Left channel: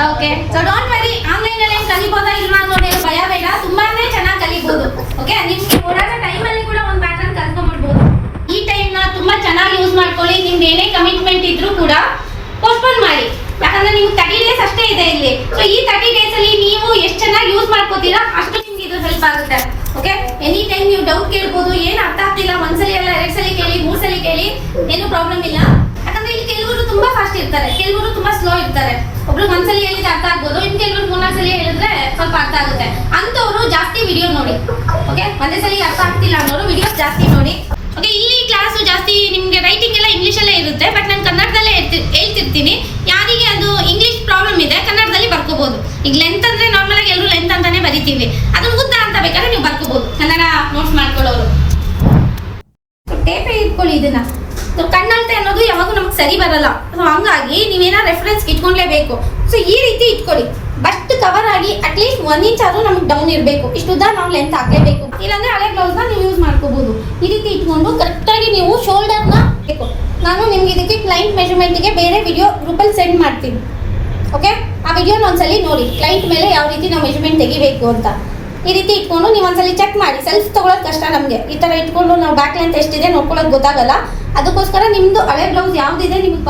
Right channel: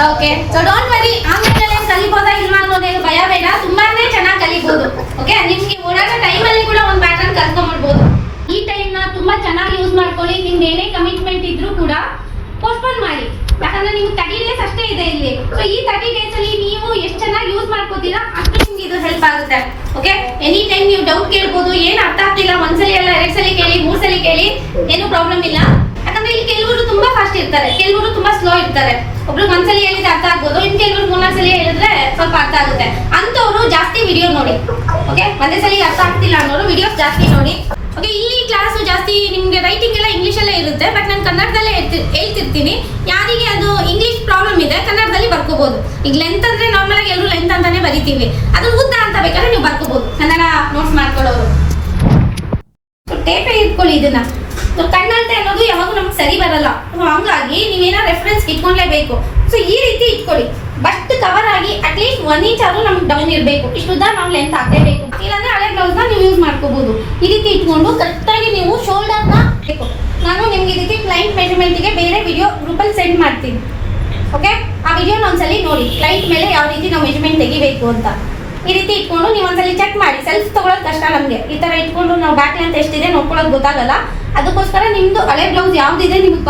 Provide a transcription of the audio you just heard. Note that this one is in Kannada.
Okay so don't worry online ಅಲ್ಲಿ ಕಲಿಬೋದಾ ಇಲ್ವಾ ಅನ್ನೋದೇನು ಭಯ ಬೇಡ, ತುಂಬಾನೇ ಚೆನ್ನಾಗಿ ಕಲಿಬಹುದು. ಓಕೆ ನಿಮ್ಗೆ ಓಡಾಡೋ ಟೈಮಲ್ಲಿ ಕೂಡ ಒಂದು ಪ್ಯಾಟರ್ನ್ ಕಲ್ತ್ಕೊಂಡ್ಬಿಡ್ಬೋದು. ಈ ಟೈಮ್ ತುಂಬಾ ಚೆನ್ನಾಗಿ ಯೂಸ್ ಮಾಡ್ಕೊಳ್ಳಿ. ನಿಮ್ದು ಏನೇ ಕಮಿಟ್ಮೆಂಟ್ ಇದ್ರೂ ಕೂಡ ಪೋಸ್ಟ್ಪೋನ್ ಮಾಡಿ, ಯಾಕಂದ್ರೆ ನೀವು 30 ಡೇಸ್ ಅಷ್ಟೇ ಇದೆ ಇಲ್ಲಿ. ಸೊ ಈ 30 ಡೇಸ್ ಅಲ್ಲಿ ನೀವು ಎಷ್ಟು ಚೆನ್ನಾಗಿ ಯೂಸ್ ಮಾಡ್ಕೋತೀರಾ ಅಷ್ಟು ನಿಮ್ಗೆ ಇದು ಹೆಲ್ಪ್ ಆಗುತ್ತೆ. ಓಕೆ ಎನಿ ಟೈಮ್ ನೀವು ಡೌಟ್ ಕೇಳ್ಬೋದು, ಏನ್ ಅರ್ಥ ಆಗ್ತಿಲ್ಲ ಒಂದ್ಸಲಿ ಅಲ್ಲ 2 ಸಲ ಕೇಳಿ 3 ಸಲ ಕೇಳಿ, ಏನು ಪ್ರಾಬ್ಲಮ್ ಇಲ್ಲ. ಯಾಕಂದ್ರೆ ಇಲ್ಲಿ ಕೆಲವರು ತುಂಬಾ ಫಾಸ್ಟ್ ಇರ್ತಾರೆ, ಕೆಲವರು ತುಂಬಾ ಸ್ಲೋ ಇರ್ತಾರೆ. ಒಬ್ರು ಒಂದ್ಸಲಿ ಹೇಳಿದ್ರೆ ಅರ್ಥ ಆಗ್ಬೋದು, ಇನ್ ಕೆಲವರು 3 ಸಲ ಹೇಳಿದ್ರೆ ಸ್ವಲ್ಪ ಅರ್ಥ ಆಗುತ್ತೆ. ಅಂತವ್ರು ಜಾಸ್ತಿ ವಿಡಿಯೋ ನೋಡಿ. ಓಕೆ ಒಂದೇ ಸಲ ಅರ್ಥ ಆಗ್ತಿಲ್ಲ ಅನ್ನೋರು ವಿಡಿಯೋಸ್ ಜಾಸ್ತಿ ನೋಡಿ. ಓಕೆ ಈ ಕ್ಲಾಸ್ ಜಾಸ್ತಿ ನಿಮ್ಗೆ ರೈಟಿಂಗ್ ಎಲ್ಲ ಇಂಗ್ಲಿಷ್ ಅಲ್ಲೇ ಇರುತ್ತೆ, ಬಟ್ ನಾನು ಕನ್ನಡದಲ್ಲೇ ಹೇಳ್ತಿರ್ತೀನಿ. ಯಾರಿಗೆ ಅದು ಇಂಗ್ಲಿಷ್ ಪ್ರಾಬ್ಲಮ್ ಇದೆ ಕನ್ನಡದಲ್ಲಿ ಬರ್ಕೋಬಹುದು. ಈಗ ಲೆಂತ್ ಅಂದ್ರೆ ನಾರ್ಮಲ್ ಆಗಿ ಎಲ್ಲರೂ ಲೆಂತ್ ಅಂತಾನೆ ಬರಿತೀವಿ, ಅದನ್ನ ಉದ್ದ ಅಂತ ಬೇಕಾದ್ರೆ ನೀವು ಬರ್ಕೋಬಹುದು ಕನ್ನಡ ನೋಟ್ಸ್ ಮಾಡ್ಕೊಳ್ಳೋರು. ಟೇಪೇ ಇಟ್ಕೊಳ್ಳಿ ಇದನ್ನ. ಕಣ್ಣಾಂತೆ ಅನ್ನೋದು ಯಾವಾಗೂ ನಮ್ಗೆ ಸರಿ ಬರಲ್ಲ, ಹಂಗಾಗಿ ನೀವೇನೋ ರೆಫರೆನ್ಸ್ ಇಟ್ಕೊಂಡ್ಲೇಬೇಕು. ಸೊ ಈ ರೀತಿ ಇಟ್ಕೊಳ್ಳಿ, ಬಸ್ಟ್ ಕವರ್ ಆಗಿ ಅಟ್ಲೀಸ್ಟ್ 1 ಇಂಚ್ ಆದ್ರೂ ನಮ್ಗೆ ಡೌನ್ ಇರಬೇಕು. ಇಷ್ಟು ಉದ್ದ ನಾವು ಲೆಂತ್ ಹಾಕಲೇಬೇಕು, ಇಲ್ಲಾಂದ್ರೆ ಹಳೆ ಬ್ಲೌಸ್ ನ ನೀವು ಯೂಸ್ ಮಾಡ್ಕೋಬಹುದು. ಈ ರೀತಿ ಇಟ್ಕೊಂಡು ಕರೆಕ್ಟ್ ಆಗಿ ನೀವು ಶೋಲ್ಡರ್ ನ ಬೇಕು. ನಾನು ನಿಮ್ಗೆ ಇದಕ್ಕೆ ಕ್ಲೈಂಟ್ ಮೆಜರ್ಮೆಂಟ್ ಗೆ ಬೇರೆ ವಿಡಿಯೋ ಗ್ರೂಪಲ್ಲಿ ಸೆಂಡ್ ಮಾಡ್ತೀನಿ. ಓಕೆ ಆ ವಿಡಿಯೋನ ಒಂದ್ಸಲಿ ನೋಡಿ, ಕ್ಲೈಂಟ್ ಮೇಲೆ ಯಾವ ರೀತಿ ನಾವು ಮೆಜರ್ಮೆಂಟ್ ತೆಗಿಬೇಕು ಅಂತ. ಈ ರೀತಿ ಇಟ್ಕೊಂಡು ನೀವು ಒಂದ್ಸಲಿ ಚೆಕ್ ಮಾಡಿ. ಸೆಲ್ಫ್ ತಗೊಳ್ಳೋದು ಕಷ್ಟ ನಮಗೆ, ಈ ತರ ಇಟ್ಕೊಂಡು ನಾವು ಬ್ಯಾಕ್ ಲೆಂತ್ ಎಷ್ಟಿದೆ ನೋಡ್ಕೊಳ್ಳೋದು ಗೊತ್ತಾಗಲ್ಲ. ಅದಕ್ಕೋಸ್ಕರ ನಿಮ್ದು ಹಳೆ ಬ್ಲೌಸ್ ಯಾವ್ದಿದೆ ನಿಮ್ಗೆ